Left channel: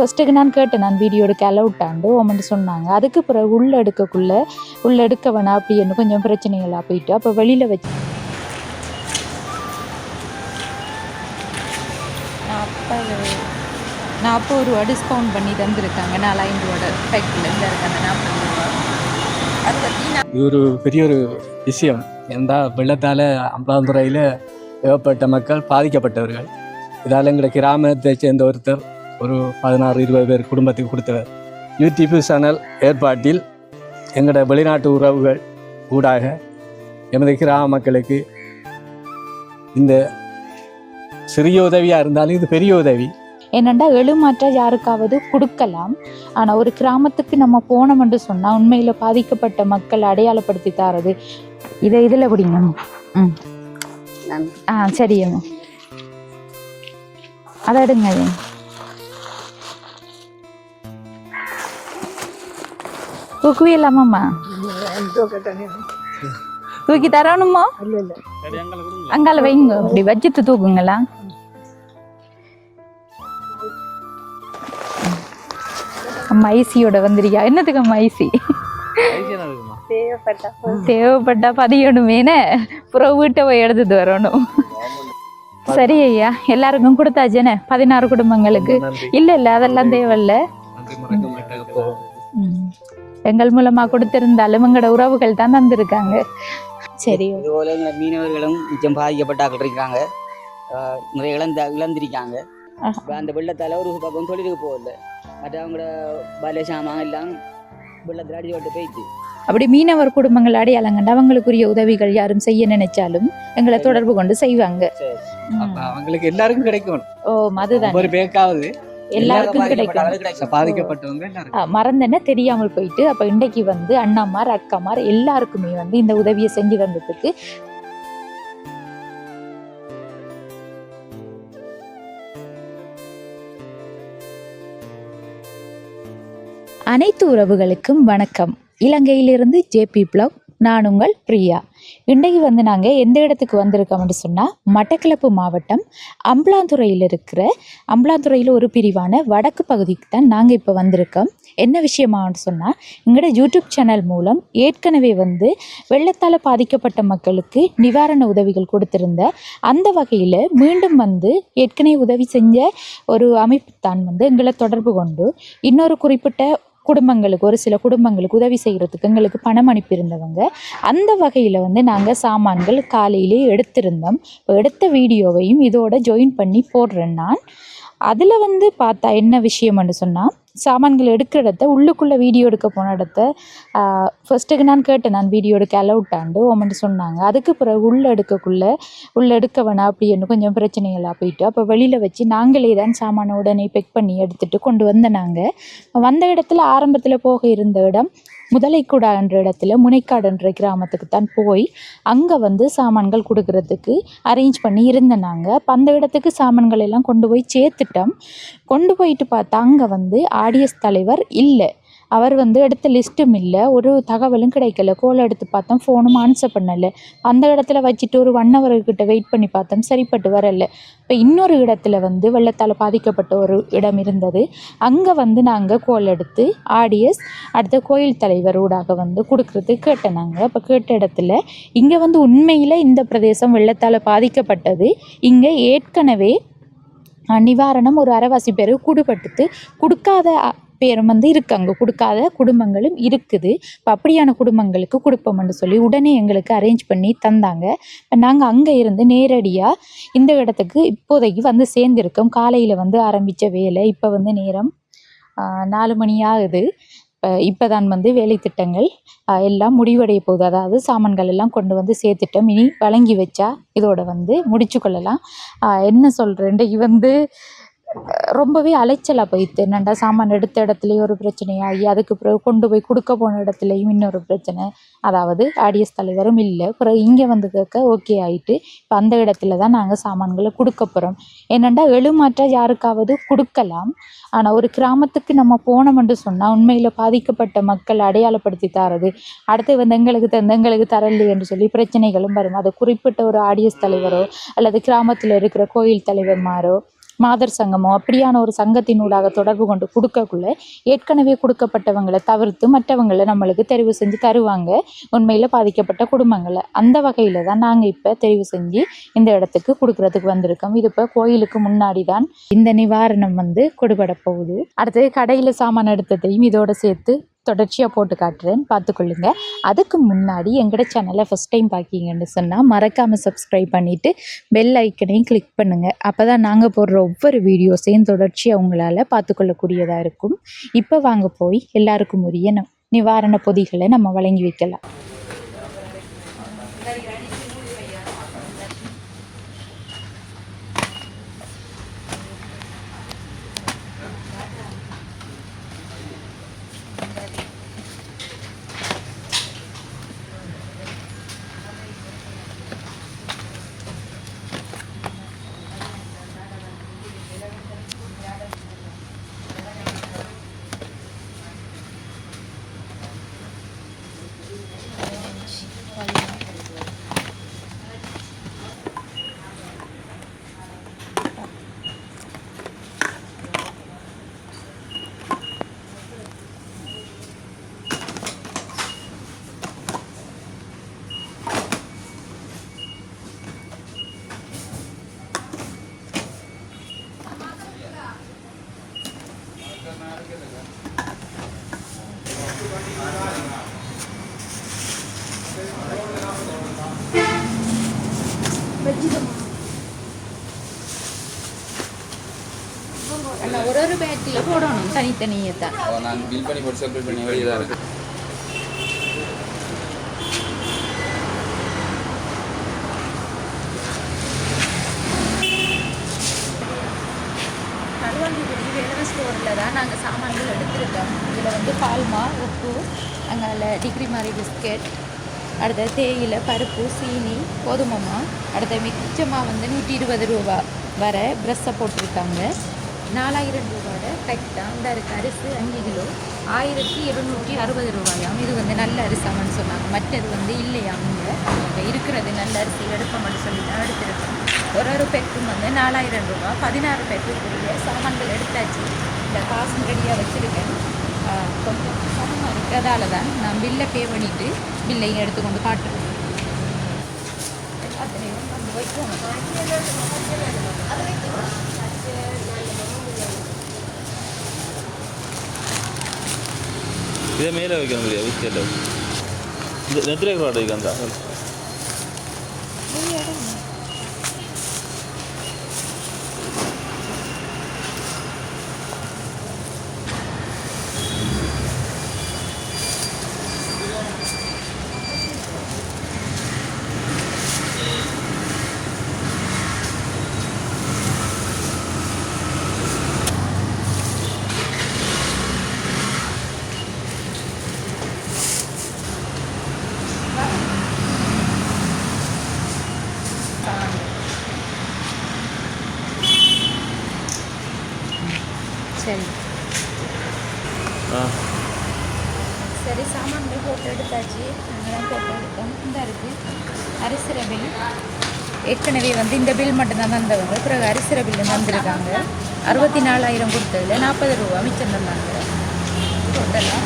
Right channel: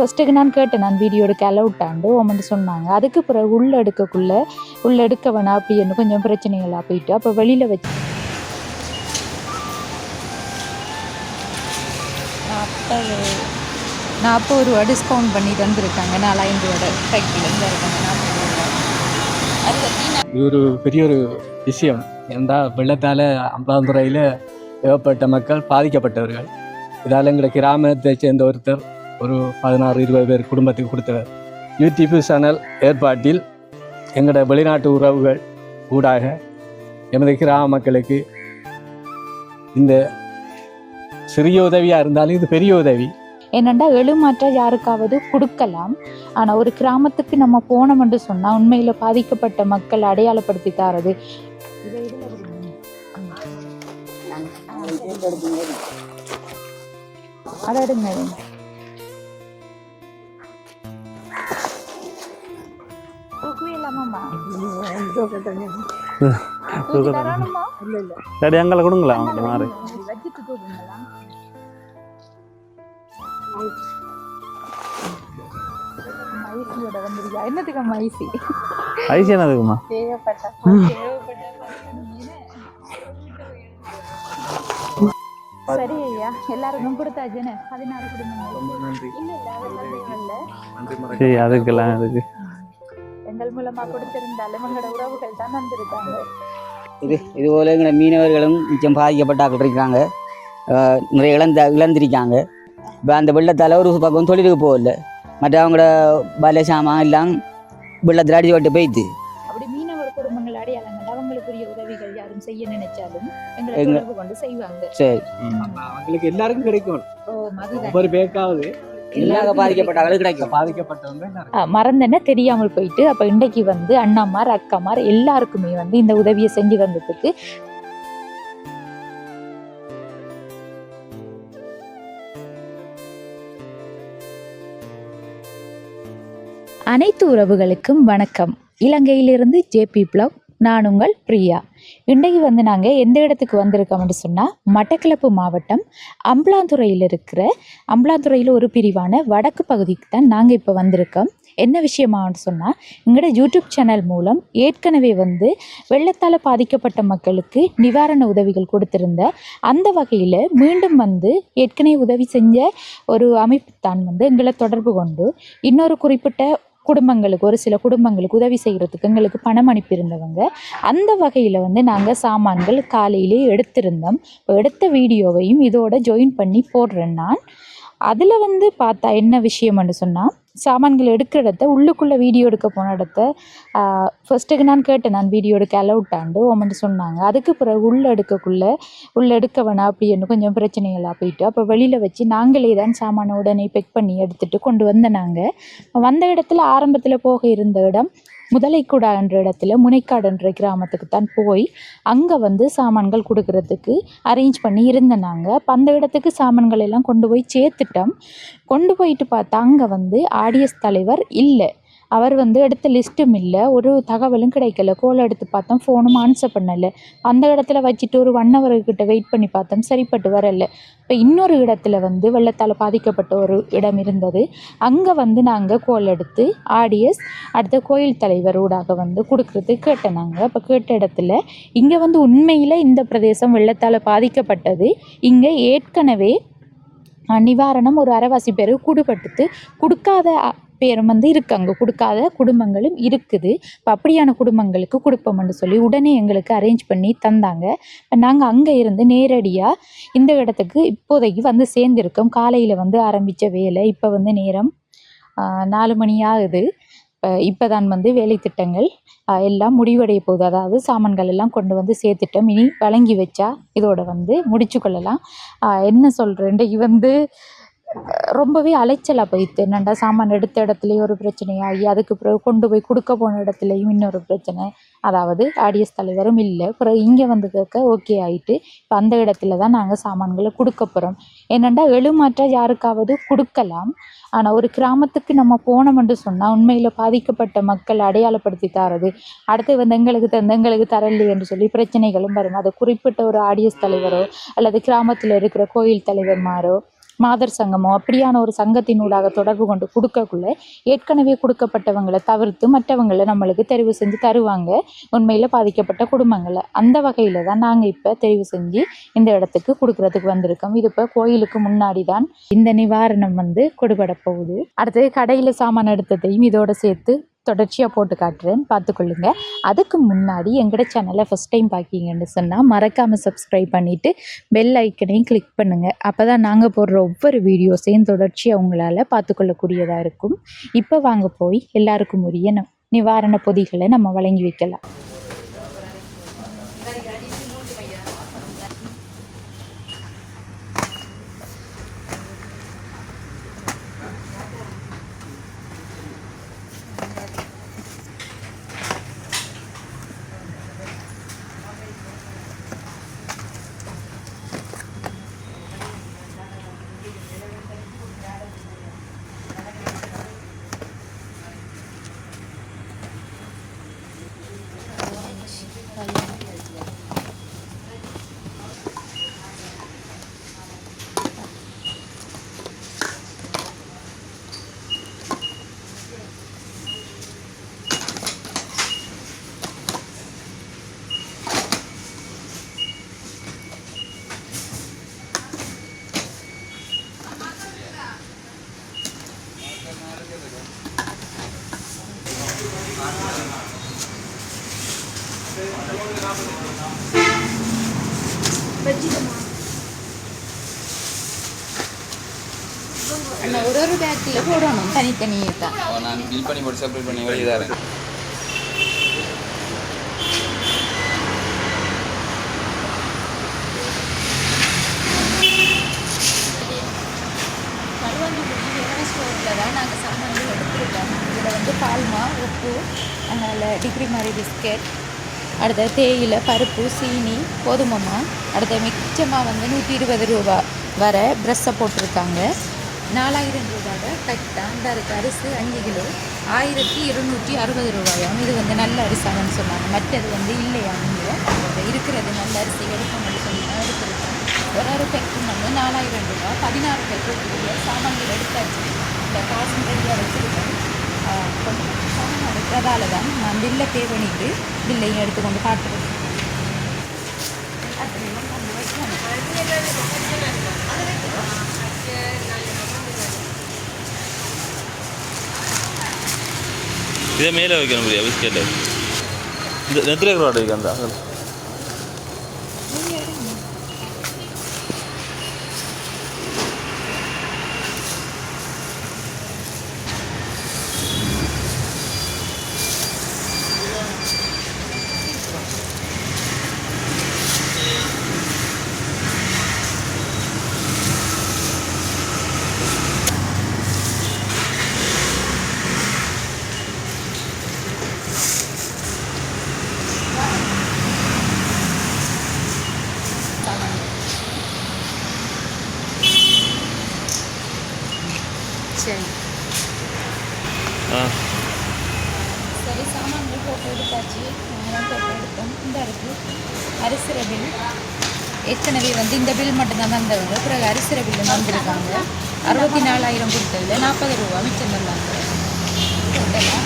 ஃபர்ஸ்ட்டுக்கு நான் கேட்டேன் நான் வீடியோ எடுக்க அலவுட்டாண்டு ஓமன்ட்டு சொன்னாங்க அதுக்கு பிறகு உள்ள எடுக்கக்குள்ள உள்ள எடுக்க வேணாம் அப்படின்னு கொஞ்சம் பிரச்சனைகளாக போயிட்டு அப்போ வெளியில் வச்சு நாற்பது ரூபா டிஸ்கவுண்ட் பண்ணி தந்துருக்காங்க நாலாயிரம் ரூபாயோட பேக்கில் இங்கே இருக்காங்க நாற்பது ரூபா. இது ஒரு பெரிய ஒரு விஷயம். ஏன்டா வெள்ளத்தால் அம்பலாந்துறையில் ஏகப்பட்ட மக்கள் பாதிக்கப்பட்டவர்கள். இதால் எங்களை கிராமத்தை சேர்ந்த ஒருத்தர் ஒரு பதினாறு இருபது பேர் குடும்பத்துக்கு கொடுத்தவர் யூடியூப் சேனல் ஏற்பாட்டில் எங்களோட வெளிநாட்டு உறவுகள் ஊடாக எமது கிராம மக்களுக்கு இந்த சிறிய உதவியாக இருந்தாலும் இது பெரிய உதவி. என்னண்டா எழுமாற்ற யாருக்காவது கொடுக்கலாம்? ஆனால் ஒரு கிராமத்துக்கு நம்ம போனோம்னு சொன்னால் உண்மையில் பாதிக்கப்பட்ட மக்கள் அடையாளப்படுத்தி தாரது. இதை இதில் பிடிங்க ம். ஆ சரி அதாடுங்க அதை எடுங்க அது. தூக்குவே இல்லாமம்மா. தூக்கி தரணுமா? சரி எங்களை கொடுங்களா அங்கால வைங்க. இப்படி வச்சுட்டு தூக்குங்களா? அம்மா ஐசியோட வந்துருக்கியா? என்னத்துக்கு அம்மா ஐசி? ஐசி என்னதுக்குமா தேவைப்பட்டா பதியணுமேனே அப்புறம் வீட்டை போய் எடுத்துட்டு வரணும். சரி ஐயா எல்லாருக்கும் கொடுத்தாச்சேனே பதினாறு குடும்பங்களுக்கு. இல்ல இல்ல அதெல்லாம் தேவையில்ல. அதுக்கெல்லாம் அதுக்கு. எங்கள் மூலமா கொடுத்திருந்தாலும் எங்களோட உறவுகள் தான் தந்திருக்காங்க. சரி. இதுபோல எங்களை மீனவர்களும் மிச்சம் பாதிக்கப்பட்டாக்கள் இருக்காங்க. நிறைய இழந்த இழந்திருக்காங்க. இப்போ அந்த வெள்ளத்தால் ஒரு பக்கம் தொழிலுக்கு போகல. மற்ற அவங்களோட பல சாமான் எல்லாம் வெள்ளத்தில் அடிச்சு விட்டு போயிடுது அப்படி மீனவர் குடும்பங்கள் அடையாளங்கண்டு அவங்களுக்குரிய உதவிகள் யாரும் செய்ய நினைச்சாலும் எங்களை தொடர்பு கொண்டு செய்வாங்க. சரி. அவங்களுக்கு எல்லாருக்கும் கிடைக்கும். ஓ அதுதான். ஒவ்வொரு பேருக்காவது மறந்தேன்னு தெரியாமல் போயிட்டு அப்ப இன்றைக்கு வந்து அண்ணாமார் அக்காமார் எல்லாருக்குமே வந்து இந்த உதவியை செஞ்சு வந்ததுக்கு அனைத்து உறவுகளுக்கும் வணக்கம். இலங்கையிலிருந்து ஜேபி பிளாக் நான் உங்கள் பிரியா. இன்றைக்கு வந்து நாங்கள் எந்த இடத்துக்கு வந்திருக்கோம்னு சொன்னால் மட்டக்களப்பு மாவட்டம் அம்பலாந்துறையில் இருக்கிற அம்பலாந்துறையில் ஒரு பிரிவான வடக்கு பகுதிக்கு தான் நாங்கள் இப்போ வந்திருக்கோம். என்ன விஷயமான்னு சொன்னால் எங்களோட யூடியூப் சேனல் மூலம் ஏற்கனவே வந்து வெள்ளத்தால் பாதிக்கப்பட்ட மக்களுக்கு நிவாரண உதவிகள் கொடுத்துருந்த அந்த வகையில் மீண்டும் வந்து ஏற்கனவே உதவி செஞ்ச ஒரு அமைப்பு தான் வந்து எங்களை தொடர்பு கொண்டு இன்னொரு குறிப்பிட்ட குடும்பங்களுக்கு ஒரு சில குடும்பங்களுக்கு உதவி செய்கிறதுக்கு எங்களுக்கு பணம் அனுப்பியிருந்தவங்க. அந்த வகையில் வந்து நாங்கள் சாமான்கள் காலையிலே எடுத்திருந்தோம். இப்போ எடுத்த வீடியோவையும் இதோட ஜாயின் பண்ணி போடுறேன் நான். அதில் வந்து பார்த்தா என்ன விஷயம்னு சொன்னால் சாமான்கள் எடுக்கிற இடத்த உள்ளுக்குள்ளே வீடியோ எடுக்க போன இடத்த ஃபர்ஸ்ட்டுக்கு நான் கேட்டேன் நான் வீடியோ எடுக்க அலவுட்டாண்டு ஓமன்ட்டு சொன்னாங்க. அதுக்கு பிறகு உள்ளே எடுக்கக்குள்ளே உள்ளே எடுக்க வேணாம் அப்படின்னு கொஞ்சம் பிரச்சனைகளாக போயிட்டு அப்போ வெளியில் வச்சு நாங்களே தான் சாமானை உடனே பெக் பண்ணி எடுத்துகிட்டு கொண்டு வந்த நாங்கள் வந்த இடத்துல ஆரம்பத்தில் போக இருந்த இடம் முதலைக்குடா என்ற இடத்துல முனைக்காடுன்ற கிராமத்துக்கு தான் போய் அங்கே வந்து சாமான்கள் கொடுக்கறதுக்கு அரேஞ்ச் பண்ணி இருந்தேன் நாங்கள் அப்போ அந்த இடத்துக்கு சாமான்கள் எல்லாம் கொண்டு போய் சேர்த்துட்டோம். கொண்டு போயிட்டு பார்த்தா அங்கே வந்து ஆடியஸ் தலைவர் இல்லை. அவர் வந்து எடுத்த லிஸ்ட்டும் இல்லை. ஒரு தகவலும் கிடைக்கல. கோல் எடுத்து பார்த்தோம். ஃபோனும் ஆன்சர் பண்ணலை. அந்த இடத்துல வச்சுட்டு ஒரு ஒன் ஹவர்கிட்ட வெயிட் பண்ணி பார்த்தோம். சரிப்பட்டு வரல. இப்போ இன்னொரு இடத்துல வந்து வெள்ளத்தால் பாதிக்கப்பட்ட ஒரு இடம் இருந்தது. அங்கே வந்து நாங்கள் கோல் எடுத்து ஆடியஸ் அடுத்த கோயில் தலைவர் ஊடாக வந்து கொடுக்குறது கேட்டேன் நாங்கள் இப்போ கேட்ட இடத்துல இங்கே வந்து உண்மையில் இந்த பிரதேசம் வெள்ளத்தால் பாதிக்கப்பட்டது. இங்கே ஏற்கனவே நிவாரணம் ஒரு அரைவாசி பேர் கூடுபட்டுத்து கொடுக்காத பேரும் வந்து இருக்குது அங்கே. கொடுக்காத குடும்பங்களும் இருக்குது. இப்போ அப்படியான குடும்பங்களுக்கு கொடுப்போம்னு சொல்லி உடனே எங்களுக்கு அரேஞ்ச் பண்ணி தந்தாங்க. இப்போ நாங்கள் அங்கே இருந்து நேரடியாக இந்த இடத்துக்கு இப்போதைக்கு வந்து சேர்ந்துருக்கோம். காலையில் வந்து ஆரம்பித்த வேலை இப்போ வந்து நேரம் நாலு மணி ஆகுது. இப்போ இப்போ தான் வந்து வேலை திட்டங்கள் எல்லாம் முடிவடைய போகுது. அதாவது சாமான்கள் எல்லாம் கொண்டு வந்து சேர்த்துட்டோம். இனி வழங்கி வச்சா இதோட வந்து முடிச்சு கொள்ளலாம். என்ன சொல்கிறேன் இன்றைக்கு வந்து ரொம்பவே அலைச்சலாக போயிடுது. என்னண்டா சாமான் எடுத்த இடத்துலையும் ஒரு பிரச்சனையாகி அதுக்கு பிறகு கொண்டு போய் கொடுக்க போன இடத்துலையும் இன்னொரு பிரச்சனை. அதாவது ஆடியஸ் தலைவரும் இல்லை. பிறகு இங்கே வந்து கேட்க ஓகே ஆயிட்டு இப்போ அந்த இடத்துல தான் நாங்கள் சாமான்களை கொடுக்க போகிறோம் என்னண்டா எழுமாற்ற யாருக்காவது கொடுக்கலாம். ஆனால் ஒரு கிராமத்துக்கு நம்ம போனோம்னு சொன்னால் உண்மையில் பாதிக்கப்பட்ட மக்கள் அடையாளப்படுத்தி தரது. அடுத்து வந்து எங்களுக்கு தந்து எங்களுக்கு தரலையே என்று சொல்லி பிரச்சனைகளும் வரும். அது குறிப்பிட்ட ஒரு ஆடியஸ் தலைவரோ அல்லது கிராமத்தில் இருக்கிற கோயில் தலைவர்மாரோ மாதர் சங்கமோ அப்படியான ஒரு சங்கத்தினூடாக தொடர்பு கொண்டு கொடுக்கக்குள்ள ஏற்கனவே கொடுக்கப்பட்டவங்களை தவிர்த்து மற்றவங்களை நம்மளுக்கு தெரிவு செஞ்சு தருவாங்க. உண்மையில் பாதிக்கப்பட்ட குடும்பங்களை. அந்த வகையில் தான் நாங்கள் இப்போ தெரிவு செஞ்சு இந்த இடத்துக்கு கொடுக்கறதுக்கு வந்திருக்கோம். இது இப்போ கோயிலுக்கு முன்னாடி தான் இந்த நிவாரணம் வந்து கொடுபட போகுது. அடுத்தது கடையில் சாமான் எடுத்ததையும் இதோட சேர்த்து தொடர்ச்சியாக போட்டு காட்டுறேன்னு பார்த்துக்கொள்ளுங்க. அதுக்கு முன்னாடி எங்களோட சேனலை ஃபஸ்ட் டைம் பார்க்கிங்கன்னு சொன்னால் மறக்காமல் சப்ஸ்கிரைப் பண்ணிவிட்டு பெல் ஐக்கனையும் கிளிக் பண்ணுங்கள் அப்போ தான் நாங்கள் போடுற ஒவ்வொரு வீடியோஸையும் தொடர்ச்சியாக உங்களால் பார்த்துக்கொள்ளக்கூடியதாக இருக்கும். இப்போ வாங்க போய் எல்லாருக்கும் உரிய நிவாரண பொதிகளை நம்ம வழங்கி வைக்கலாம் ஒரு ஒரு பேட்டில் போடணும். தனித்தனியே தான். நான் பில் பண்ணி போட்டு செப்பரேட் பண்ணி தான் இருக்கு. நாங்கள் சாமான்கள் எடுத்துருக்கோம். இதில் வந்து பால்மா உப்பு அதனால் டிகிரி மாதிரி பிஸ்கெட் அடுத்தது தேயிலை பருப்பு சீனி கோதுமைமா அடுத்த மிச்சமாக வந்து நூற்றி இருபது ரூபா வர ப்ரெஷ்ஷை போட்டிருக்காங்க. நாலாயிரம் ரூபாய். கரெக்டாக அந்த அரிசி அஞ்சு கிலோ. ஆயிரத்தி இருநூற்றி அறுபது ரூபாயாம் இது வந்து நல்ல அரிசானு சொன்னாங்க. மற்றது வந்து இல்லையாம் இங்கே இப்போ இருக்கிறது நல்ல அரிசி எடுப்போம்னு சொல்லி தான் எடுத்திருக்கோம் ஒரு ஒரு பேருக்கும் வந்து நாலாயிரம் ரூபாய். பதினாறு பேக்குரிய சாமான்கள் எடுத்தாச்சு. இந்த காசு ரெடியாக வச்சுருக்கேன். கொஞ்சம் சாமான் இருக்கிறதால தான் நான் பில்லை பே பண்ணிவிட்டு பில்லையும் எடுத்துக்கொண்டு காட்டுறேன். எல்லாத்துலேயும் வந்து வைக்கணும். இதே மேலே வைக்கணும் முடியாது பிஸ்கெட்டு இந்த நெத்திலே கூட வைக்க அந்த சரி. சரி சாமான்கள் போட்டு எடுத்தாச்சு. நாங்கள் போட்டு எடுத்தோம் இந்த இருக்கு. அரிசிற பில் ஏற்கனவே வந்து இந்த பில் மட்டும்தான் வந்தவங்க. பிறகு அரிசிற பில் வந்திருக்காங்க. அறுபத்தி நாலாயிரம் கொடுத்ததில் நாற்பது ரூபா. மிச்சம் தந்தாங்க. டோட்டலாக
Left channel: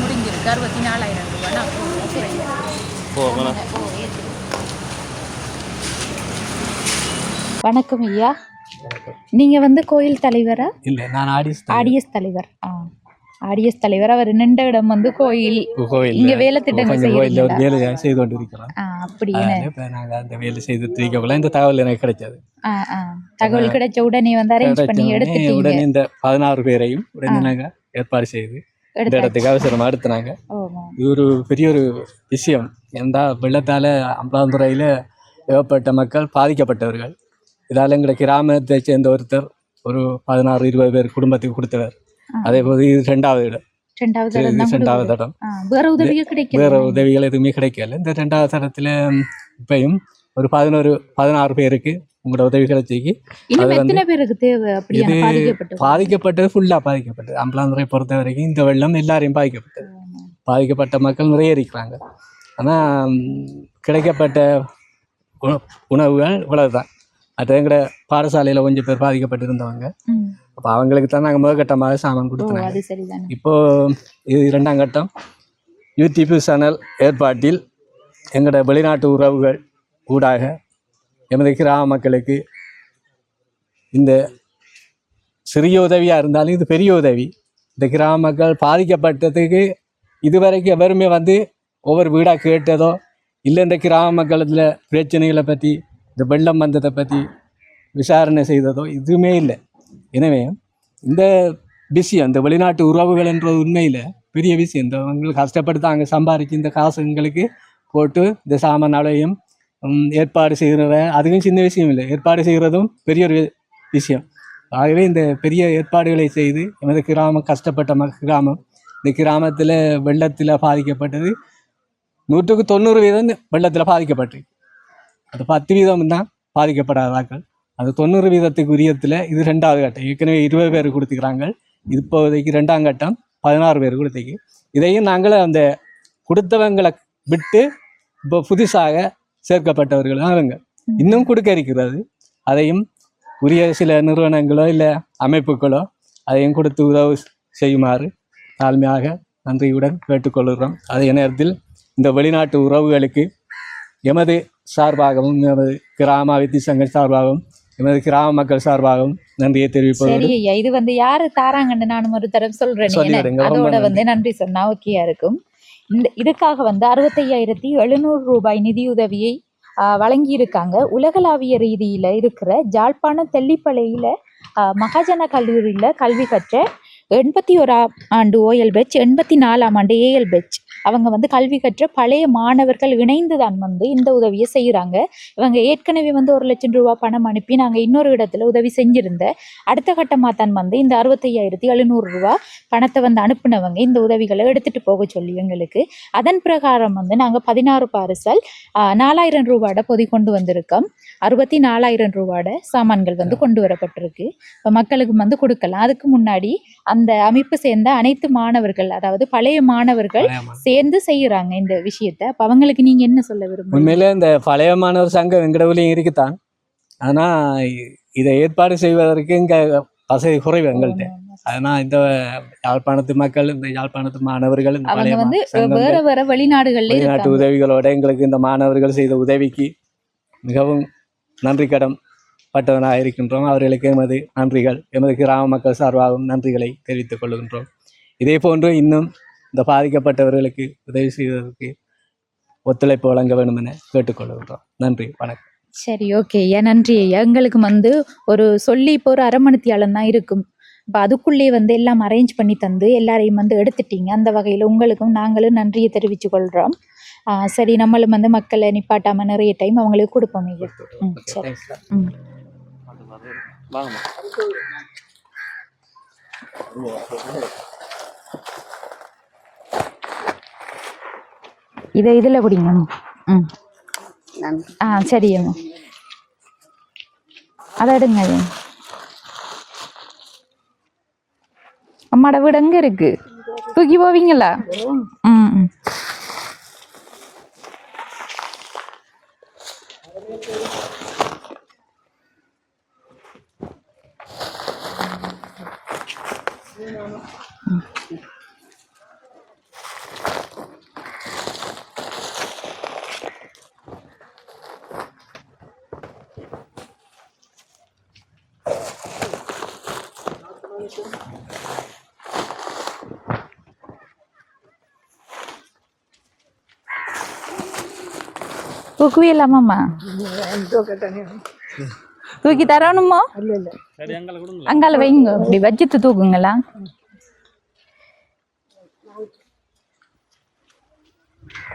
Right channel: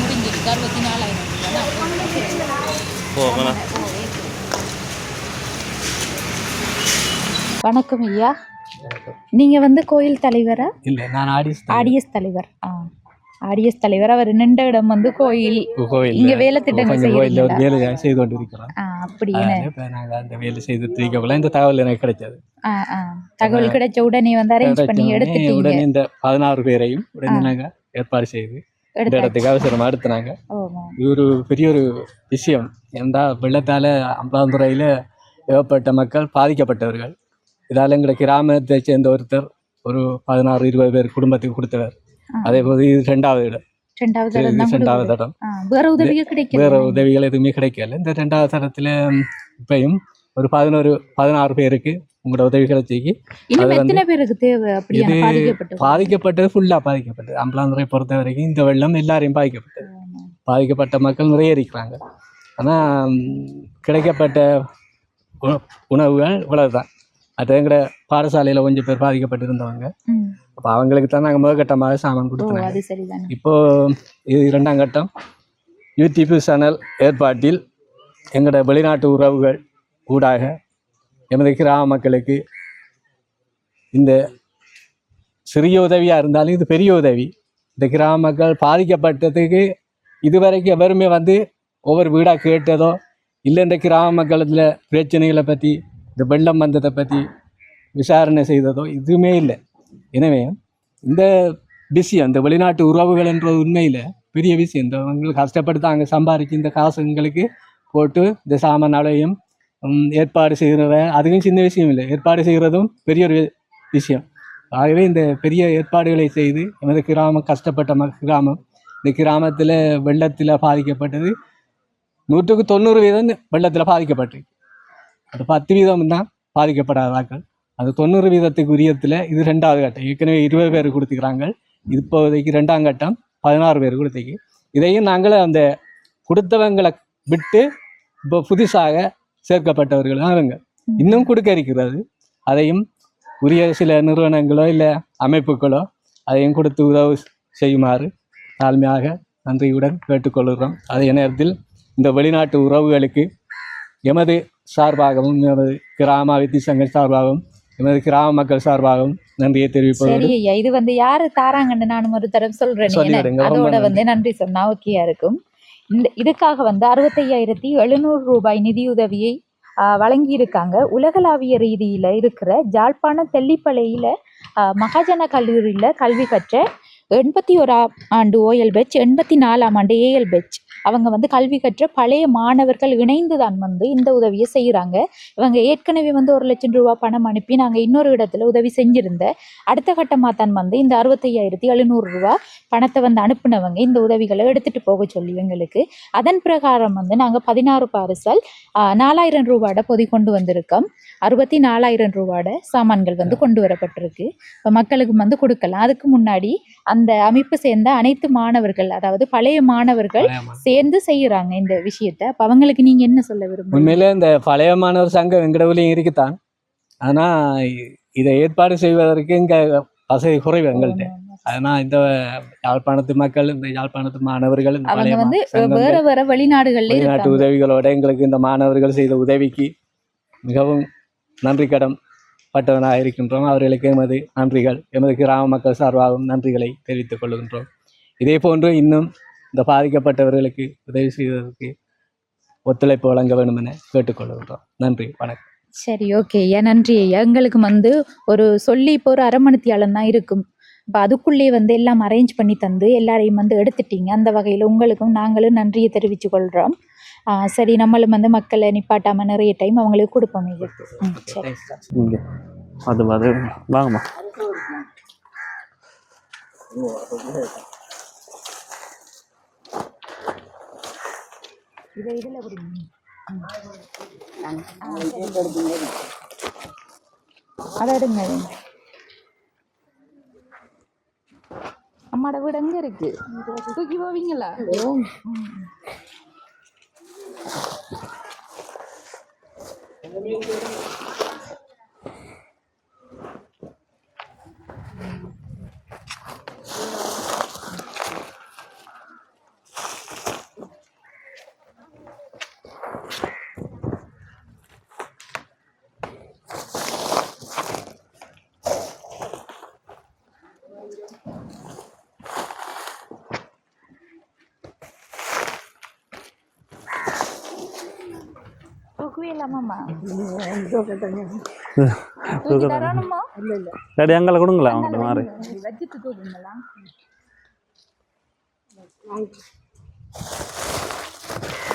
முடிஞ்சிருக்கு. அறுபத்தி நாலாயிரம் ரூபா. நாற்பது ரூபா. குறையும் வணக்கம் ஐயா. நீங்கள் வந்து கோயில் தலைவரா? இல்லை நான் ஆடிஸ் ஆடிஎஸ் தலைவர். ஆ ஆடிஎஸ் தலைவர். அவர் நின்ற இடம் வந்து கோயில். கோயில் இங்க வேலை திட்டங்கள் கோயிலில் ஒரு? வேலை செய்து கொண்டு இருக்கிறோம் ஆ அப்படின்னு இப்போ நாங்கள் அந்த வேலை செய்து தீர்க்கக்குள்ள இந்த தகவல் எனக்கு கிடைச்சது. தகவல் கிடைச்ச உடனே வந்து அரேஞ்ச் பண்ணி கிடைச்ச உடனே இந்த பதினாறு பேரையும் உடனே நாங்கள் ஏற்பாடு செய்து இந்த இடத்துக்கு அவசரமாக எடுத்துனாங்க இது ஒரு பெரிய ஒரு விஷயம். ஏன்டா வெள்ளத்தால் அம்பலாந்துறையில் ஏகப்பட்ட மக்கள் பாதிக்கப்பட்டவர்கள். இதால் எங்களை கிராமத்தை சேர்ந்த ஒருத்தர் ஒரு பதினாறு இருபது பேர் குடும்பத்துக்கு கொடுத்தவர். அதே போது இது ரெண்டாவது இடம். ரெண்டாவது ஆ, வேற உதவிகள் எதுவுமே கிடைக்கல. இந்த ரெண்டாவது தடத்தில் இப்பயும் ஒரு பதினோரு பதினாறு பேருக்கு உங்களோட உதவி கிடைச்சிக்கு பாதிக்கப்பட்டது? ஃபுல்லாக பாதிக்கப்பட்டது. அம்பலாந்துறை பொறுத்த வரைக்கும் இந்த வெள்ளம் எல்லாரையும் பாதிக்கப்பட்டது. பாதிக்கப்பட்ட மக்கள் நிறைய இருக்கிறாங்க. ஆனால் கிடைக்கப்பட்ட உண- உணவுகள் இவ்வளவுதான். அது எங்கட பாடசாலையில் கொஞ்சம் பேர் பாதிக்கப்பட்டிருந்தவங்க. அப்போ அவங்களுக்கு தான் நாங்கள் முதற்கட்டமாக சாமான் கொடுத்தோம் இப்போ இது இரண்டாம் கட்டம். யூடியூப் சேனல் ஏற்பாட்டில் எங்களோட வெளிநாட்டு உறவுகள் ஊடாக எமது கிராம மக்களுக்கு இந்த சிறிய உதவியாக இருந்தாலும் இது பெரிய உதவி. இந்த கிராம மக்கள் பாதிக்கப்பட்டதுக்கு இதுவரைக்கும் எவருமே வந்து ஒவ்வொரு வீடாக கேட்டதோ இல்லை இந்த கிராம மக்களத்தில் பிரச்சனைகளை பற்றி இந்த வெள்ளம் வந்ததை பற்றி விசாரணை செய்ததோ எதுவுமே இல்லை. எனவே இந்த விஷயம் இந்த வெளிநாட்டு உறவுகள் என்ற உண்மையில் பெரிய விஷயம். இந்த அவங்களுக்கு கஷ்டப்பட்டு அங்கே சம்பாதிச்சு இந்த காசுங்களுக்கு போட்டு இந்த சாமான் அளவையும் ஏற்பாடு செய்கிறத அதுவும் சின்ன விஷயம் இல்லை. ஏற்பாடு செய்கிறதும் பெரிய ஒரு விஷயம். ஆகவே இந்த பெரிய ஏற்பாடுகளை செய்து எமது கிராமம் கஷ்டப்பட்ட ம கிராமம் இந்த கிராமத்தில் வெள்ளத்தில் பாதிக்கப்பட்டது. நூற்றுக்கு தொண்ணூறு வீதம் வெள்ளத்தில் பாதிக்கப்பட்டிருக்கு. அது பத்து வீதம் தான் பாதிக்கப்படாதாக்கள் அது தொண்ணூறு வீதத்துக்கு உரியத்தில் இது ரெண்டாவது கட்டம். ஏற்கனவே இருபது பேர் கொடுத்துக்கிறாங்க. இப்போதைக்கு ரெண்டாம் கட்டம் பதினாறு பேர் கொடுத்துக்கு. இதையும் நாங்கள் அந்த கொடுத்தவங்களை விட்டு இப்போ புதுசாக சேர்க்கப்பட்டவர்கள் தான் அவங்க இன்னும் கொடுக்க இருக்கிறது. அதையும் உரிய சில நிறுவனங்களோ இல்லை அமைப்புகளோ அதையும் கொடுத்து உதவு செய்யுமாறு தாழ்மையாக நன்றியுடன் கேட்டுக்கொள்கிறோம். அதே நேரத்தில் இந்த வெளிநாட்டு உறவுகளுக்கு எமது சார்பாகவும் எமது கிராம வித்தி சங்க சார்பாகவும் எமது கிராம மக்கள் சார்பாகவும் நன்றியை சரி ஐயா இது வந்து யாரு தாராங்கன்னு நானும் ஒரு தரம் சொல்றேன் அதோட. வந்து நன்றி சொன்னா ஓகேயா இருக்கும். இந்த இதுக்காக வந்து அறுபத்தையாயிரத்தி எழுநூறு ரூபாய் நிதியுதவியை ஆஹ், வழங்கியிருக்காங்க. உலகளாவிய ரீதியில இருக்கிற ஜாழ்ப்பாணம் தெல்லிப்பளையில மகாஜன கல்லூரியில கல்வி கற்ற எண்பத்தி ஓராம் ஆண்டு ஓஎல் பெச் எண்பத்தி நாலாம் ஆண்டு ஏஎல் பெச் அவங்க வந்து கல்வி கற்ற பழைய மாணவர்கள் இணைந்து தான் வந்து இந்த உதவியை செய்கிறாங்க இவங்க ஏற்கனவே வந்து ஒரு லட்சம் ரூபா பணம் அனுப்பி நாங்கள் இன்னொரு இடத்துல உதவி செஞ்சிருந்த அடுத்த கட்டமாக தான் வந்து இந்த அறுபத்தையாயிரத்தி எழுநூறு ரூபா பணத்தை வந்து அனுப்புனவங்க இந்த உதவிகளை எடுத்துட்டு போக சொல்லி எங்களுக்கு. அதன் பிரகாரம் வந்து நாங்கள் பதினாறு பார்சல் நாலாயிரம் ரூபாட பொதி கொண்டு வந்திருக்கோம். அறுபத்தி நாலாயிரம் ரூபாட சாமான்கள் வந்து கொண்டு வரப்பட்டிருக்கு. இப்போ மக்களுக்கு வந்து கொடுக்கலாம். அதுக்கு முன்னாடி அந்த அமைப்பு சேர்ந்த அனைத்து மாணவர்கள் அதாவது பழைய மாணவர்கள் சேர்ந்து செய்யறாங்க இந்த விஷயத்த. அப்ப அவங்களுக்கு நீங்க என்ன சொல்ல விரும்புறீங்க? உண்மையிலே இந்த பழைய மாணவர் சங்கம் எங்கடவுலையும் இருக்குதான். ஆனால் இதை ஏற்பாடு செய்வதற்கு இங்கே வசதி குறைவு எங்கள்கிட்ட. அதனால் இந்த யாழ்ப்பாணத்து மக்கள் இந்த யாழ்ப்பாணத்து மாணவர்கள் இந்த அவங்க வந்து வேற வேற வெளிநாடுகள்ல வெளிநாட்டு உதவிகளோட எங்களுக்கு இந்த மாணவர்கள் செய்த உதவிக்கு மிகவும் நன்றி கடன் பட்டவனாக இருக்கின்றோம் அவர்களுக்கு எமது நன்றிகள். எமது கிராம மக்கள் சார்பாகவும் நன்றிகளை தெரிவித்துக் கொள்கின்றோம். இதே போன்று இன்னும் இந்த பாதிக்கப்பட்டவர்களுக்கு உதவி செய்வதற்கு ஒத்துழைப்பு வழங்க வேண்டும் என கேட்டுக்கொள்கின்றோம் நன்றி. வணக்கம். சரி ஓகே. ஐயா நன்றி ஐயா. எங்களுக்கு வந்து ஒரு சொல்லி இப்போ ஒரு அரை மணித்தியாலம் தான் இருக்கும். இப்போ அதுக்குள்ளே வந்து எல்லாம் அரேஞ்ச் பண்ணி தந்து எல்லாரையும் வந்து எடுத்துட்டீங்க. அந்த வகையில் உங்களுக்கும் நாங்களும் நன்றியை தெரிவித்து கொள்கிறோம் சரி நம்மளும் வந்து மக்களை நிப்பாட்டாம நிறைய டைம் அவங்களுக்கு கொடுப்போம் ஐயா. சரி. அது அது வாங்கம்மா. இதை இதில் குடிங்க. ம். ஆ சரி அதை எடுங்க அது. அம்மாட வீடு எங்கே இருக்கு? தூக்கி போவீங்களா? ம் ம். தூக்குவீங்களாமாம்மா தூக்கி தரணுமோ? சரி அங்கே கொடுங்களா? அங்கால வைங்க. இப்படி வச்சுட்டு தூக்குங்களா?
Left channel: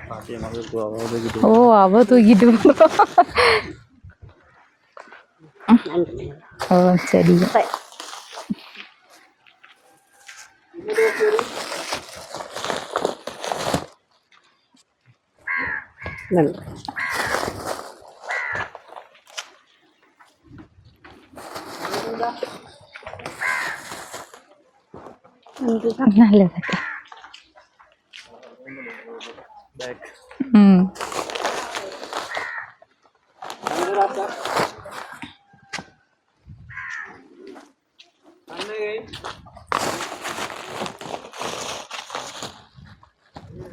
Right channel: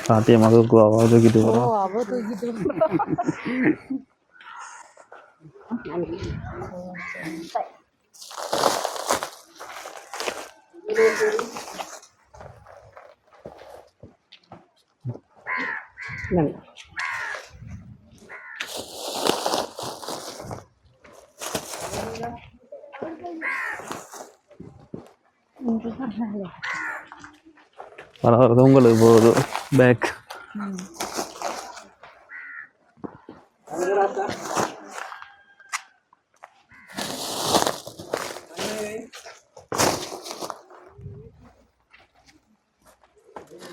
சாத்தியமாக தூக்குவா தூக்கிட்டு ஓ அவ தூக்கிட்டு. ஓ சரி. இதுதான் நல்லது. பரவாயில்ல உங்களுக்கு போகுது பேக் ம்.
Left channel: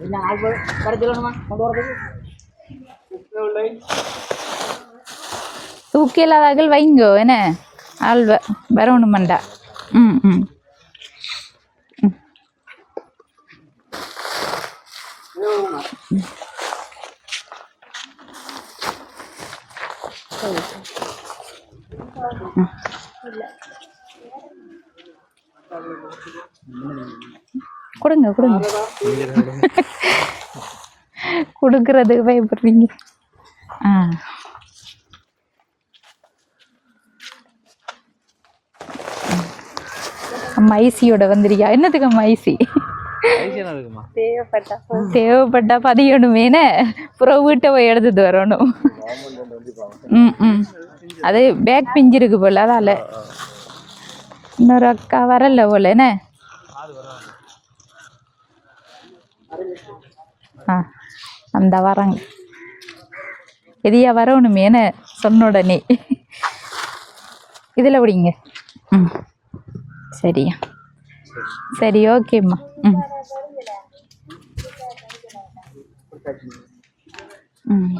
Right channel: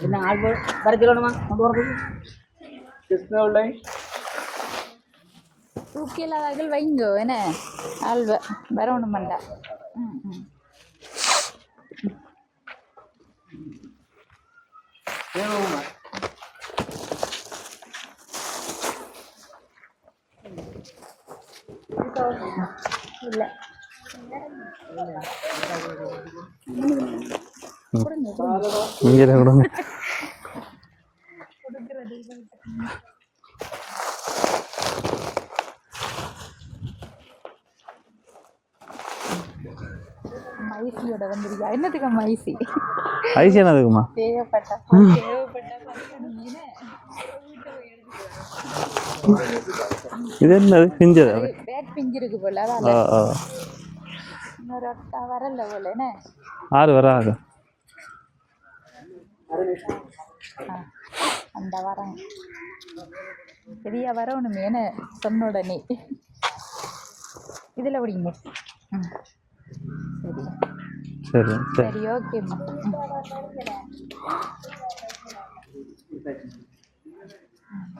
என்ன ஆள் வர சொல்லணுமா? கொண்டு வரதுக்கு? வைங்கோ என்ன? ஆள் வரணும் மண்டா. கொடுங்க கொடுங்க. கொடுக்கறதுக்கு பயப்படுறீங்க. ஆ. அம்மா ஐசியோட வந்துருக்கியா? என்னத்துக்கு அம்மா ஐசி? ஐசியா அதுக்குமா தேவைப்பட்டா தேவைப்பட்டா பதியணுமேனே? அப்புறம் வீட்டை போய் எடுத்துட்டு வரணும். பிஞ்சு அது பேக் பிஞ்சிருக்கு போல அதால. இன்னொரு அக்கா வரல போல என்ன? ஆறு வராது ஆ அந்த வராங்க. எதியா வரணுமேனு சொன்ன உடனே. இதில் விடிங்க. ம். சரியா. சரி. சரி ஓகேம்மா. ம். ம்.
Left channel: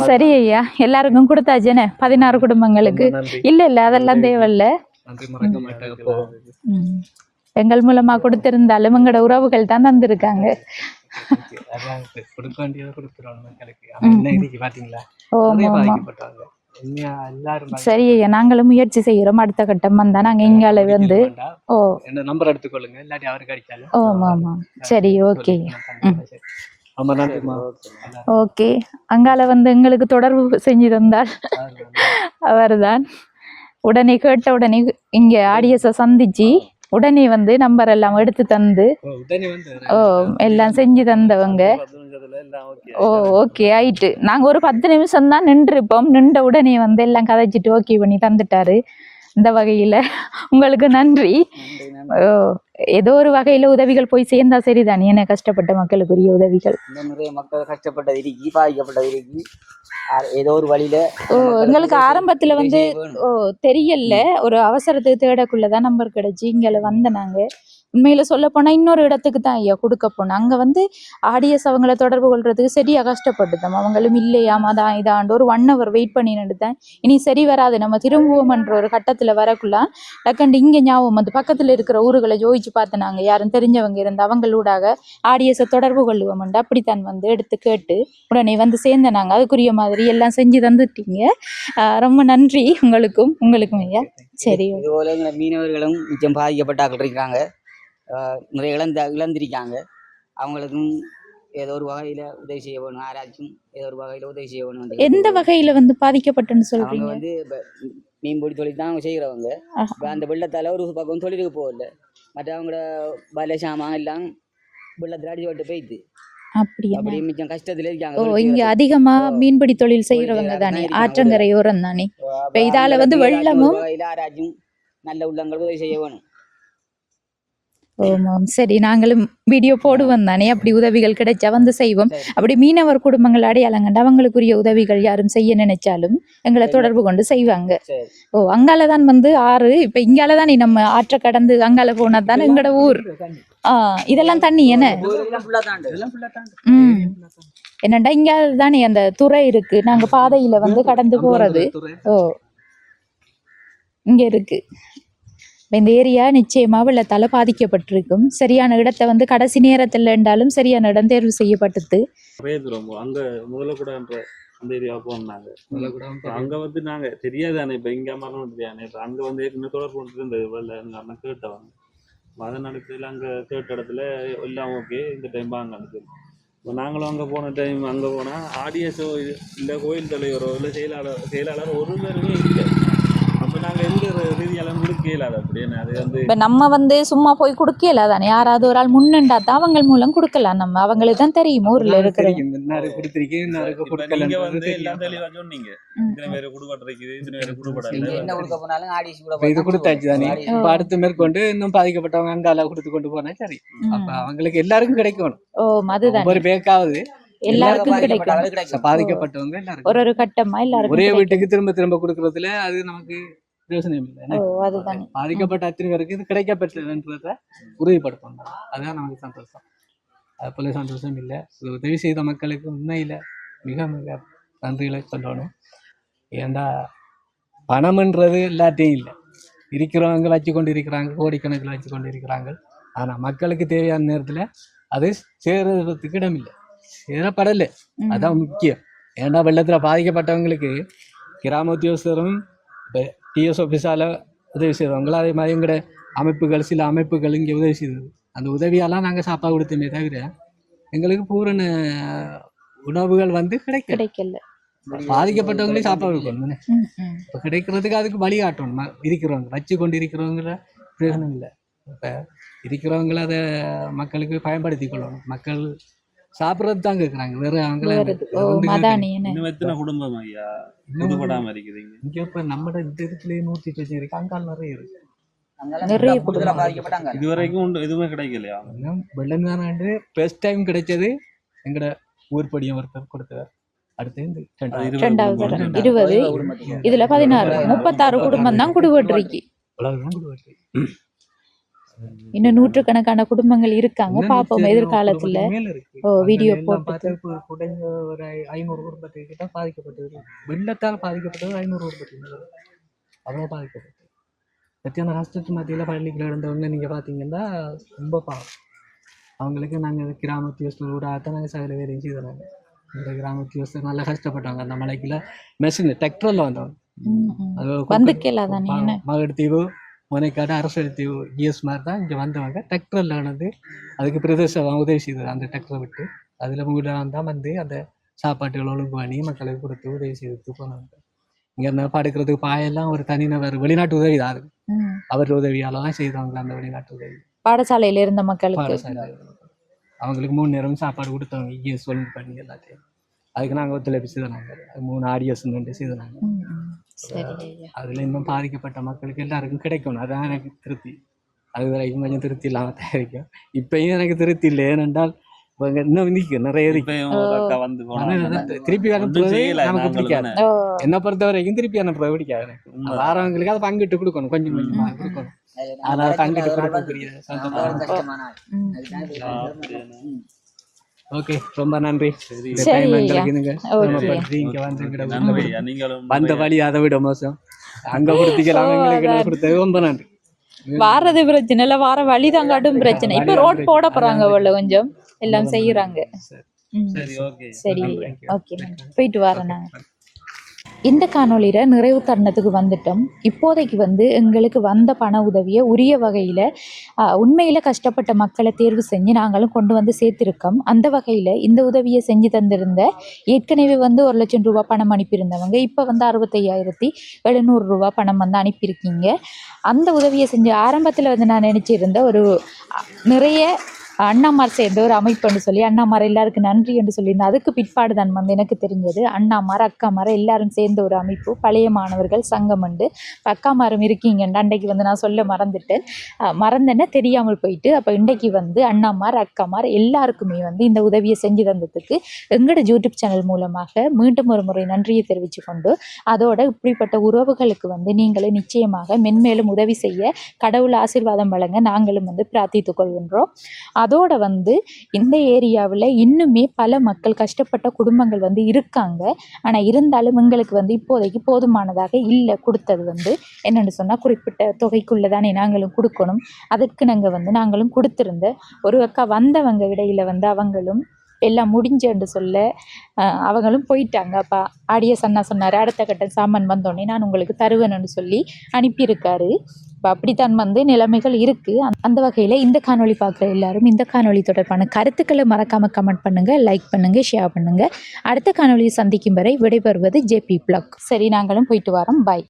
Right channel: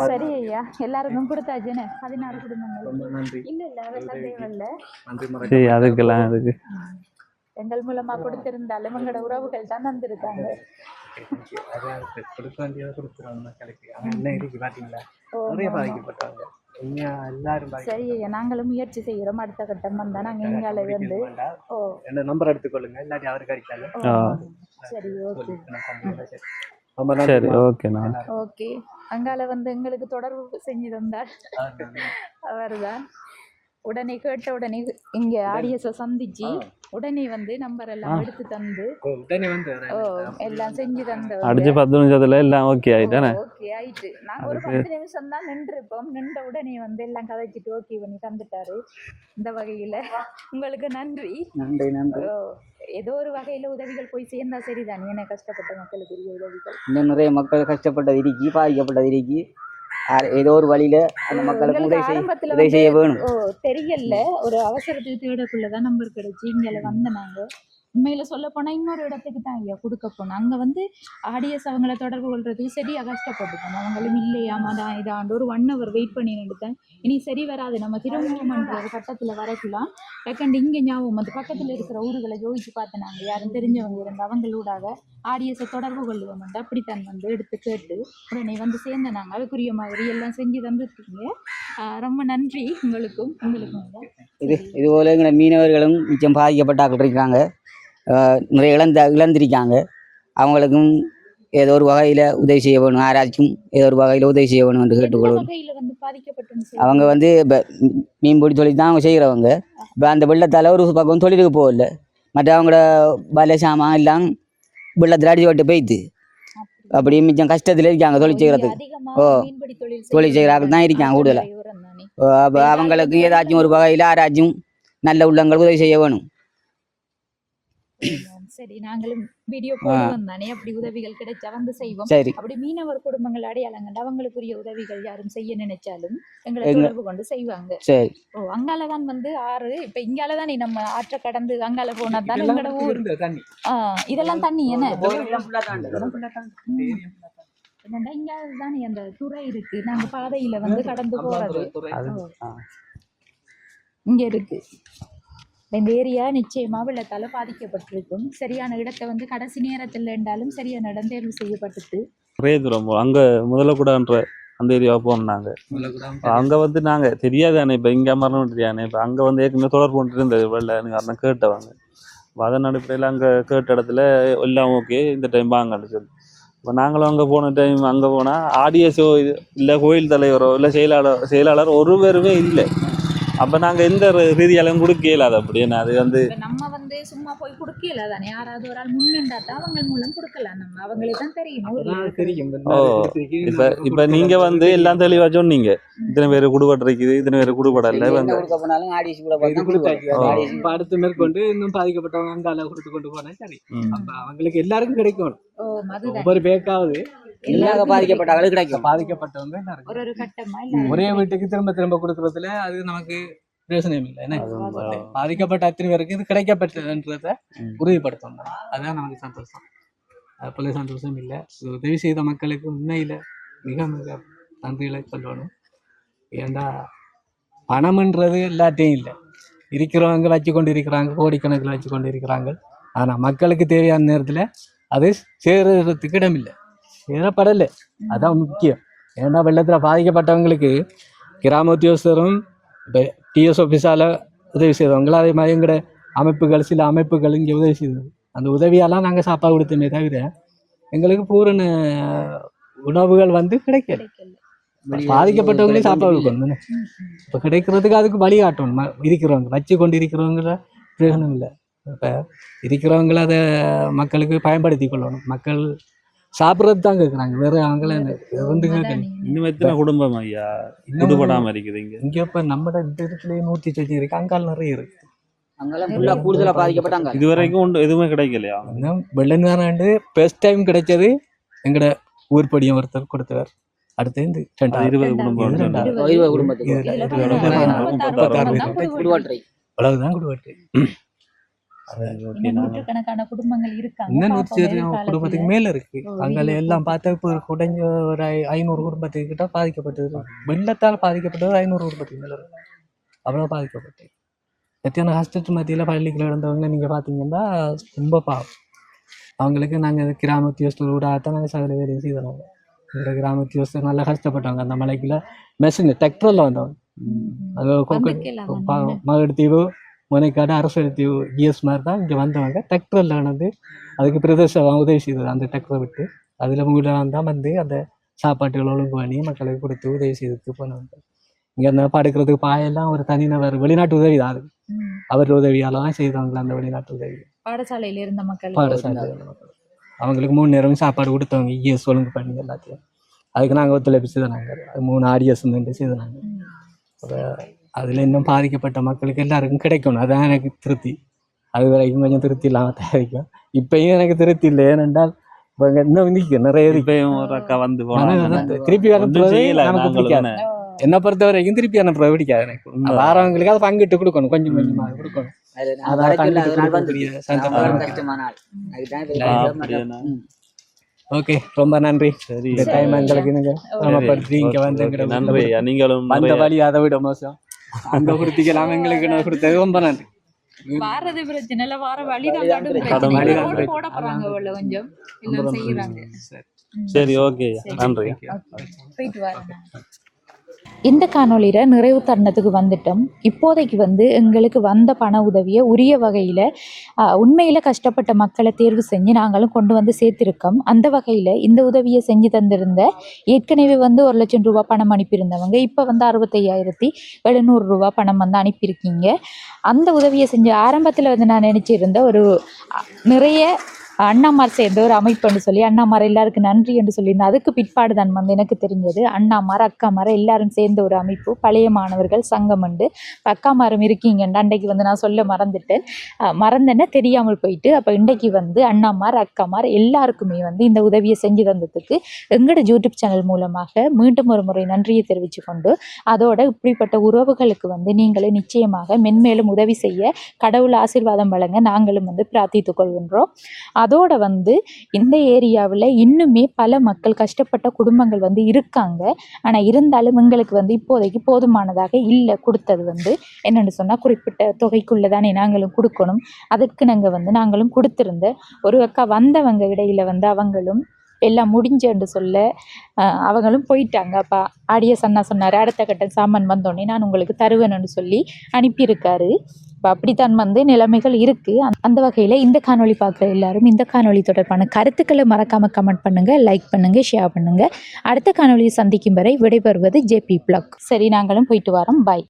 சரி ஐயா எல்லாருக்கும் கொடுத்தாச்சேனே பதினாறு குடும்பங்களுக்கு. இல்ல இல்ல அதெல்லாம் தேவையில்ல. சரி அதுக்கெல்லாம் அதுக்கு. எங்கள் மூலமா கொடுத்திருந்தாலும் எங்களோட உறவுகள் தான் தந்திருக்காங்க. சரி ஐயா நாங்களும் முயற்சி செய்கிறோம் அடுத்த கட்டம் வந்தா நாங்க இங்கால வந்து ஓ. என்ன நம்பர் எடுத்துக்கொள்ளுங்க. இல்லாட்டி அவருக்கு அடிச்சாலும் ஓ ஆமா. சரி ஓகே நன்றி ஓகே அங்கால வந்து எங்களுக்கு தொடர்பு செஞ்சு தந்தால் அவர்தான். உடனே கேட்ட உடனே இங்க ஆடியஸை சந்திச்சு உடனே வந்து நம்பர் எல்லாம் எடுத்து தந்து ஓ, உடனே வந்து ஓ எல்லாம் செஞ்சு தந்தவங்க. பத்து நிமிஷத்துல எல்லாம் ஓகே ஓகே ஆயிட்டு. நாங்க ஒரு பத்து நிமிஷம் தான் நின்றுப்போம் நின்ற உடனே வந்து எல்லாம் கதைச்சிட்டு ஓகே பண்ணி தந்துட்டாரு. இந்த வகையில. உங்களுக்கு நன்றி. ஏதோ ஒரு வகையில உதவிகள் போய் சேர்ந்தா சரிதான். ஏன்னா கஷ்டப்பட்ட மக்களுக்குரிய உதவிகள்? இன்னும் நிறைய மக்கள் கஷ்டப்பட்டது இருக்கி பாதிக்கப்பட்டது இருக்கி. ஏதோ ஒரு வழியில எங்களுக்கு ஆரம்பத்துல வந்து தெரியல. ஒரு அவசரத்துக்கு தேடக்குள்ளதான் நம்பர் கிடைச்சு இங்கே வந்த நாங்க. உண்மையில சொல்ல போனால் இன்னொரு இடத்துக்கு தான் ஐயா கொடுக்க போனோம். அங்கே வந்து ஆடியஸ் அவங்கள தொடர்பு கொள்றதுக்கு சரியாக கஷ்டப்பட்டுட்டோம். அவங்களும் இல்லையாம் அதான் இதாண்டு ஒரு ஒன் ஹவர் வெயிட் பண்ணி நின்றுட்டேன் இனி சரி வராது நம்ம திரும்புவோம்ன்ற ஒரு கட்டத்தில் வரக்குள்ள டக்கண்டு இங்கே ஞாபகம் வந்து பக்கத்தில் இருக்கிற ஊர்களை ஜோதிச்சு பார்த்தனாங்க. யாரும் தெரிஞ்சவங்க இருந்து அவங்களூடாக ஆடியஸை தொடர்பு கொள்ளுவோம்ண்டு அப்படித்தான் வந்து எடுத்து கேட்டு உடனே வந்து சேர்ந்தனாங்க. அதுக்குரிய மாதிரி எல்லாம் செஞ்சு தந்துட்டீங்க. ரொம்ப நன்றி உங்களுக்கும் உங்களுக்கும் ஐயா. சரி இதுபோல எங்களை மீனவர்களும் மிச்சம் பாதிக்கப்பட்டாக்கள் இருக்காங்க நிறைய இழந்த இழந்திருக்காங்க. அவங்களுக்கும் ஏதோ ஒரு வகையில உதவி செய்ய வேணும். யாராச்சும் ஏதோ ஒரு வகையில உதவி செய்ய வேணும் என்று எந்த. வகையில வந்து பாதிக்கப்பட்டுன்னு அவங்க வந்து இப்ப மீன்பிடி தொழில் தான் அவங்க செய்கிறவங்க. இப்போ அந்த வெள்ளத்தால ஒரு பக்கம் தொழிலுக்கு போகல. மற்ற அவங்களோட பல சாமான் எல்லாம் வெள்ளத்தில் அடிச்சு விட்டு போயிடுது அப்படியா? அப்படியே மிச்சம் கஷ்டத்துல இருக்காங்க தொழில் செய்யறது அதிகமா. மீன்பிடி தொழில் செய்யறாங்க தான்? இருக்காங்க ஒரு வகையில யாராச்சும் நல்ல உள்ளங்கள் உதவி செய்ய வேணும். ஓமாம் சரி நாங்களும் வீடியோ போடுவோம் தானே அப்படி உதவிகள் கிடைச்சா வந்து செய்வோம் அப்படி மீனவர் குடும்பங்கள் அடையாளங்கண்டு அவங்களுக்குரிய உதவிகள் யாரும் செய்ய நினைச்சாலும் எங்களை தொடர்பு கொண்டு செய்வாங்க ஓ அங்கால தான் வந்து ஆறு இப்ப இங்கால தான் நம்ம ஆற்ற கடந்து அங்கால போனா தான் எங்களோட ஊர் தண்ணி ஆ இதெல்லாம் தண்ணி என்ன ம் என்னண்டா இங்க தானே அந்த துறை இருக்கு நாங்க பாதையில வந்து கடந்து போறது ஓ இங்க இருக்கு இந்த ஏரியா நிச்சயமா வெள்ளத்தால பாதிக்கப்பட்டிருக்கும். சரியான இடத்தை வந்து கடைசி நேரத்துல இருந்தாலும் சரியான இடம் தேர்வு செய்யப்பட்டது. ஒரே தூரம் அங்க முதல்ல கூடன்ற அந்த ஏரியாவை போனாங்க. அங்க வந்து நாங்க தெரியாதானே இப்ப இங்க மரணம் தெரியானே இப்ப அங்க வந்து ஏற்கனவே தொடர்பு கொண்டு இருந்தது வெள்ள அண்ணன் கேட்டவங்க. அதன் அடிப்படையில் அங்க கேட்ட இடத்துல எல்லாம் ஓகே இந்த டைம் வாங்கன்னு சொல்லி இப்போ நாங்களும் அங்கே போன டைம் அங்கே போனால் ஆடியஸோ இல்லை கோயில் தலைவரோ இல்லை செயலாளர் செயலாளர் ஒரு பேருமே இல்லை. அப்போ நாங்கள் எந்த ரீதியாலும் கொடுக்க இயலாது அப்படி. என்ன அது வந்து இப்ப நம்ம வந்து சும்மா போய் கொடுக்கல தானே. யாராவது ஒரு ஆள் முன்னுண்டா தான் அவங்க மூலம் கொடுக்கலாம். நம்ம அவங்களுக்கு தான் தெரியும் ஊர்ல இருக்கிற இப்ப இப்ப நீங்க வந்து எல்லாம் தெளிவா சொன்னீங்க. இத்தனை பேர் குடுபட்டு இருக்குது இத்தனை பேர் குடுபடல. வந்து அடுத்து மேற்கொண்டு இன்னும் பாதிக்கப்பட்டவங்க அங்கால கொடுத்து கொண்டு போனா சரி. அப்ப அவங்களுக்கு எல்லாருக்கும் கிடைக்கணும். ஓ அதுதான். ஒவ்வொரு பேருக்காவது. எல்லாருக்கும் பாதிக்கப்பட்டவங்க ஒரு ஒரு கட்டமா எல்லாருக்கும் ஒரே. வீட்டுக்கு திரும்ப திரும்ப கொடுக்கறதுல அது நமக்கு பிரயோசனம் இல்லை. அதுதான். பாதிக்கப்பட்ட அத்தனை பேருக்கு இது கிடைக்கப்பட்டதுன்றத. உறுதிப்படுத்தணும். அதுதான் நமக்கு சந்தோஷம். அது போல சந்தோஷம் இல்லை. உதவி செய்த மக்களுக்கு உண்மையில் மிக மிக நன்றிகளை சொல்லணும். ஏன்னா பணம்ன்றது எல்லாத்தையும் இல்லை. இருக்கிறவங்க வச்சு கொண்டு இருக்கிறாங்க கோடிக்கணக்கில் வச்சு கொண்டு இருக்கிறாங்க ஆனால் மக்களுக்கு தேவையான நேரத்தில் அது சேருறதுக்கு இடமில்லை. சேரப்படலை ம். அதான் முக்கியம். ஏன்னா வெள்ளத்தில் பாதிக்கப்பட்டவங்களுக்கு கிராம உத்தியோகஸ்தரும் இப்போ டிஎஸ் ஆஃபீஸால் உதவி செய்தவங்களும் அதே மாதிரி எங்களோட அமைப்புகள் சில அமைப்புகள் இங்கே உதவி செய்தது. அந்த உதவியெல்லாம் நாங்கள் சாப்பாடு கொடுத்தோமே தவிர எங்களுக்கு பூரண உணவுகள் வந்து கிடைக்கல. கிடைக்கல. பாதிக்கப்பட்டவங்களே சாப்பாடு கொடுக்கணும். இப்போ கிடைக்கிறதுக்கு அதுக்கு வழிகாட்டணும் ம- இருக்கிறவங்க வச்சு கொண்டு இருக்கிறவங்கள பிரயோஜனம் இல்லை. இப்போ இருக்கிறவங்கள அதை மக்களுக்கு பயன்படுத்தி கொள்ளணும். மக்கள் சாப்பிட்றது தான் கேட்குறாங்க வேற அவங்கள குடும்பம் ஐயா? இன்னும் விடுபடாம இருக்குது இங்க. இங்கே இப்போ நம்ம இந்த இடத்துலயே நூற்றி சொச்சு இருக்கு. அங்கால் நிறைய இருக்கு. கூடுதலா பாதிக்கப்பட்டாங்க. இது வரைக்கும் ஒன்று எதுவுமே கிடைக்கலையா? வெள்ளந்தானாண்டு ஃபர்ஸ்ட் டைம் கிடைச்சது எங்கட ஊர்படியும் ஒருத்தர் கொடுத்தவர். அடுத்து இந்த ரெண்டாவது. இருபது ரெண்டாவது. குடும்பம். ரெண்டாவது. இருபது இருபது குடும்பத்துக்கு. இதுல பதினாறு முப்பத்தாறு குடும்பம் தான் குடுபட்டிருக்கு அவ்வளவுதான் கொடுவாட்டு இன்னும் நூற்றுக்கணக்கான குடும்பங்கள் இருக்காங்க. பாப்போம் எதிர்காலத்துல மேல இருக்கு. video எல்லாம். பார்த்தா இப்போ ஒரு குறைஞ்ச ஒரு ஐநூறு குடும்பத்துக்கு கிட்ட பாதிக்கப்பட்டது. வெள்ளத்தால் பாதிக்கப்பட்டது ஐநூறு குடும்பத்துக்கு மேல இருக்கு. அவ்வளோ பாதிக்கப்பட்டது. எத்தனை கஷ்டத்து மத்தியில் பள்ளிக்குள்ள இருந்தவங்க நீங்க பாத்தீங்கன்னா ரொம்ப பாவம். அவங்களுக்கு நாங்க கிராம உத்தியோகஸ்தர் கூட தான் நாங்கள் சகல வேலையும் செய்தோம் இந்த கிராம உத்தியோகஸ்தர் நல்லா கஷ்டப்பட்டாங்க அந்த மலைக்குள்ள மெஷின் டிராக்டரில் வந்தவங்க. ம், ம். அது வந்து முனைக்காடு அரசு இஎஸ் மாதிரி தான் இங்கே வந்தவங்க டிராக்டரில் வந்து அதுக்கு பிரதேசம் உதவி செய்தது அந்த டிராக்டரை விட்டு அதில் உங்களால் தான் வந்து அந்த சாப்பாட்டுகள் ஒழுங்கு பண்ணி மக்களுக்கு கொடுத்து உதவி செய்துட்டு போனவங்க இங்கே இருந்தால் படுக்கிறதுக்கு பாயெல்லாம் ஒரு தனிநபர் வெளிநாட்டு உதவி தான். அவர் உதவியால தான் செய்தவங்க அந்த வெளிநாட்டு உதவி பாடசாலையில இருந்த மக்களுக்கு பாடசாலை அவங்களுக்கு மூணு நேரம் சாப்பாடு கொடுத்தவங்க இஎஸ் ஒழுங்கு பண்ணி எல்லாத்தையும் அதுக்கு நாங்கள் ஒத்துழைப்பு செய்தாங்க அது மூணு ஆடியஸ் செய்தாங்க ம், ம். சரி ஐயா. அதில் இன்னும் பாதிக்கப்பட்ட மக்களுக்கு எல்லாருக்கும் கிடைக்கணும். அதான் எனக்கு திருப்தி. அது வரைக்கும் கொஞ்சம் திருப்தி இல்லாமல் தயாரிக்கும் இப்பயும் எனக்கு திருப்தி இல்லை. ஏனென்றால் இன்னும் நிற்கும் நிறைய வந்து திருப்பி அனுப்புறது நாங்களும் பிடிக்காது. என்ன. பொறுத்த வரைக்கும் திருப்பி அனுப்புறது பிடிக்காது எனக்கு. வாரவங்களுக்கு அதை பங்கிட்டு கொடுக்கணும். கொஞ்சம் கொஞ்சமாக ம். கொடுக்கணும் அதான் ஓகே ரொம்ப நன்றி. சரி. இந்த டைம். எங்களுக்கு ஓகே. சமப்படுத்தி இங்க வந்து. நீங்களும் வந்த வழி அதை விட மோசம். அங்க கொடுத்திக்கலாம் எங்களுக்கு நான் கொடுத்தது. ரொம்ப நன்றி. வாரது பிரச்சனை இல்ல வார வழிதான் காட்டும் பிரச்சனை. வழி இப்ப தான் ரோட் போட. போறாங்க அவ்வளவு கொஞ்சம். எல்லாம் செய்யறாங்க சரி. ஓகே. சரி. நன்றி. ஓகே. போயிட்டு வரேன் நான். இந்த காணொளியில் நிறைவு தருணத்துக்கு வந்துட்டோம். இப்போதைக்கு வந்து எங்களுக்கு வந்த பண உதவியை உரிய வகையில் உண்மையில் கஷ்டப்பட்ட மக்களை தேர்வு செஞ்சு நாங்களும் கொண்டு வந்து சேர்த்திருக்கோம். அந்த வகையில் இந்த உதவியை செஞ்சு தந்திருந்த ஏற்கனவே வந்து ஒரு லட்சம் ரூபா பணம் அனுப்பியிருந்தவங்க இப்போ வந்து அறுபத்தையாயிரத்தி எழுநூறு ரூபா பணம் வந்து அனுப்பியிருக்கீங்க. அந்த உதவியை செஞ்ச ஆரம்பத்தில் வந்து நான் நினச்சிருந்த ஒரு நிறைய அண்ணாமார் சேர்ந்த ஒரு அமைப்புன்னு சொல்லி அண்ணாமார் எல்லாருக்கும் நன்றி என்று சொல்லியிருந்தேன். அதுக்கு பிற்பாடு தான் வந்து எனக்கு தெரிஞ்சது அண்ணாமார் அக்காமார் எல்லாரும் சேர்ந்த ஒரு அமைப்பு பழைய மாணவர்கள் சங்கம் உண்டு. அக்காமாரும் இருக்கீங்கன்னு அன்றைக்கு வந்து நான் சொல்ல மறந்துட்டேன். அஹ் மறந்தேன்னா தெரியாமல் போயிட்டு அப்போ இன்றைக்கு வந்து அண்ணாமார் அக்காமார் எல்லாருக்குமே வந்து இந்த உதவியை செஞ்சு தந்ததுக்கு எங்களோட யூடியூப் சேனல் மூலமாக மீண்டும் ஒரு முறை நன்றியை தெரிவித்து கொண்டு அதோட இப்படிப்பட்ட உறவுகளுக்கு வந்து நீங்களும் நிச்சயமாக மென்மேலும் உதவி செய்ய கடவுள் ஆசீர்வாதம் வழங்க நாங்களும் வந்து பிரார்த்தித்துக் கொள்கின்றோம். அதோட வந்து இந்த ஏரியாவில் இன்னுமே பல மக்கள் கஷ்டப்பட்ட குடும்பங்கள் வந்து இருக்காங்க. ஆனால் இருந்தாலும் எங்களுக்கு வந்து இப்போதைக்கு போதுமானதாக இல்லை. கொடுத்தது வந்து என்னென்னு சொன்னால் குறிப்பிட்ட தொகைக்குள்ளே தானே நாங்களும் கொடுக்கணும். அதற்கு நாங்கள் வந்து நாங்களும் கொடுத்துருந்த ஒரு அக்கா வந்தவங்க இடையில வந்து அவங்களும் எல்லாம் முடிஞ்சேன்னு சொல்ல அவங்களும் போயிட்டாங்க. அப்பா ஆடிய சன்னா சொன்னார் அடுத்த கட்ட சாமான் வந்தோடனே நான் உங்களுக்கு தருவேன்னு சொல்லி அனுப்பியிருக்காரு. இப்போ அப்படித்தான் வந்து நிலைமைகள் இருக்குது அந்த வகையில் இந்த காணொளி பார்க்குற எல்லாரும் இந்த காணொளி தொடர்பான கருத்துக்களை மறக்காமல் கமெண்ட் பண்ணுங்கள் லைக் பண்ணுங்கள் ஷேர் பண்ணுங்கள் அடுத்த காணொளியை சந்திக்கும் வரை விடைபெறுவது ஜேபி பிளாக். சரி நாங்களும் போயிட்டு வரோம். பாய்